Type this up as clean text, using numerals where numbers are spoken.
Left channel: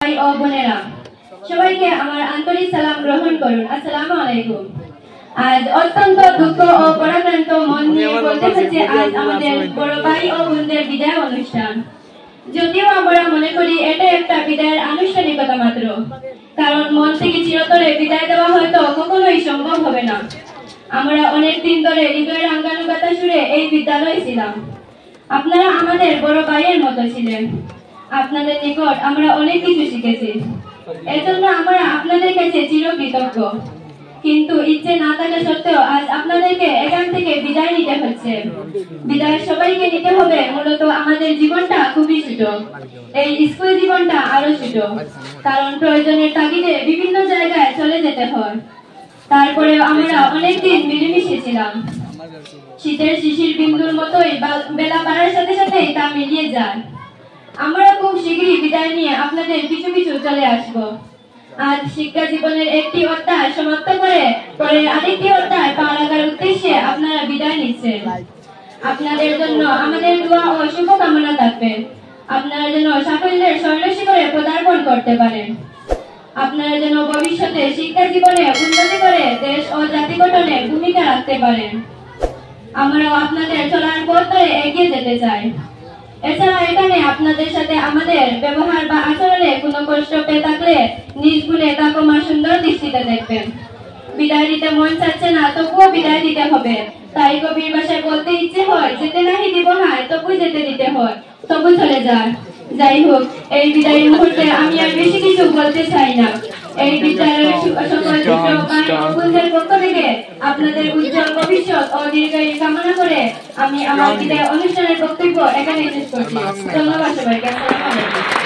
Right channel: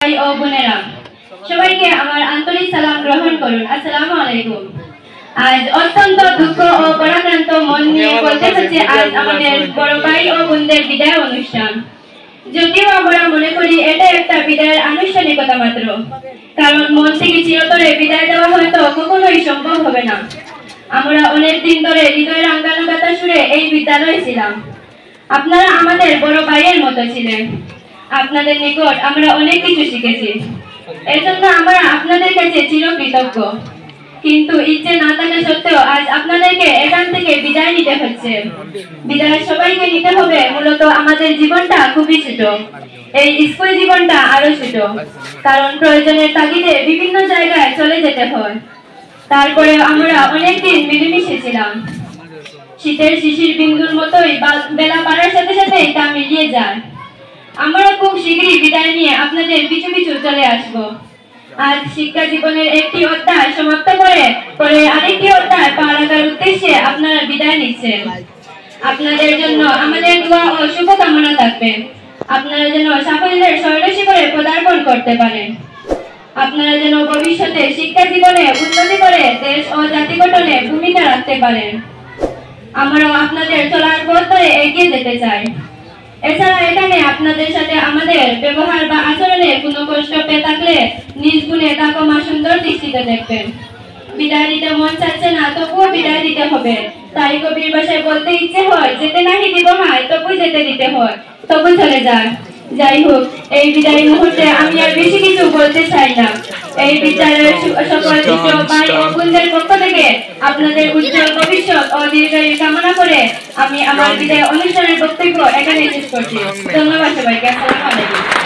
ভাই ও বোনেরা, সবাইকে আমার আন্তরিক সালাম গ্রহণ করুন। আসসালামু আলাইকুম। আজ অত্যন্ত দুঃখ ও পরাক্রান্ত মন নিয়ে বলতে হচ্ছে আজ আমাদের বড় ভাই ও বোনদের বিদায় অনুষ্ঠান। যদিও আমরা মনে করি এটা একটা বিদায়ের আনুষ্ঠানিকতা মাত্র, কারণ মন থেকে চিরতরে বিদায় দেওয়া হয়তো কখনোই সম্ভব হবে না। আমরা অনেক দিন ধরে হৃদয় রাঙ্গানুগাতা সুরে এই বিদ্যালয়ে ছিলাম। আপনারা আমাদের বড় ভাইয়ের মতো ছিলেন। আপনাদের নিকট আমরা অনেক কিছু শিখেছি, এজন্য আমরা আপনাদের কাছে চিরকৃতজ্ঞ। কিন্তু ইচ্ছে না থাকা সত্ত্বেও আজ আপনাদেরকে এখান থেকে বিদায় নিতে হচ্ছে। বিদায় সবাইকে নিতে হবে। মূলত আমাদের জীবনটা খুবই ছোট, এই স্কুল জীবনটা আরো ছোট, কারণ প্রয়োজনের তাগিদে বিভিন্ন জায়গায় চলে যেতে হয়। তারপরে আমরা অনেকদিন মিলেমিশে ছিলাম। শীতের শিশির বিন্দুর মতোই বেলা বাড়ার সাথে সাথে তা মিলিয়ে যায়। আমরা খুব শীঘ্রই বিদায় নিয়ে আপনাদের পিছু পিছু চলে আসব। আজ শিক্ষা জীবনের একটি অধ্যায় সমাপ্ত করে পরে আরেকটি অধ্যায় পার করার উদ্দেশ্যে আপনারা বিদায় নিচ্ছেন। আপনাদের জন্য আমাদের দোয়া ও শুভকামনা থাকবে। আপনারা যেন সাফল্যের স্বর্ণশিখরে পদার্পণ করতে পারেন। আপনারা যেন ভবিষ্যতে শিক্ষা জীবনে উন্নতি করে দেশ ও জাতি গঠনে ভূমিকা রাখতে পারেন। আমরা আপনাদের চলার পথ ধরে এগিয়ে যেতে চাই। এছাড়া এখানে আপনাদের সাথে আমাদের ব্যবহার বা আচরণে কোনো কষ্ট পেয়ে থাকলে নিজ গুণে তা ক্ষমা সুন্দর দৃষ্টিতে দেখবেন। বিদায় দিতে মন চাচ্ছে না, তবুও বিদায় দিতে হবে। তাই কবির ভাষায় বলতে ইচ্ছে হয়, যেতে নাহি দিব হায়, তবু যেতে দিতে হয়, তবু চলে যায়। যাই হোক, এই বিদায় মুহূর্তে আমি আর বেশি কিছু বলতে চাই না। এই বিদ্যালয়ের সকল ছাত্র ভাই ও বোনদের পক্ষ থেকে আপনাদের উজ্জ্বল ভবিষ্যৎ ও দীর্ঘায়ু কামনা করে আমি আমার বিদায় অনুষ্ঠানের বক্তব্য এখানে শেষ করছি। ধন্যবাদ সবাইকে। আসসালামু আলাইকুম।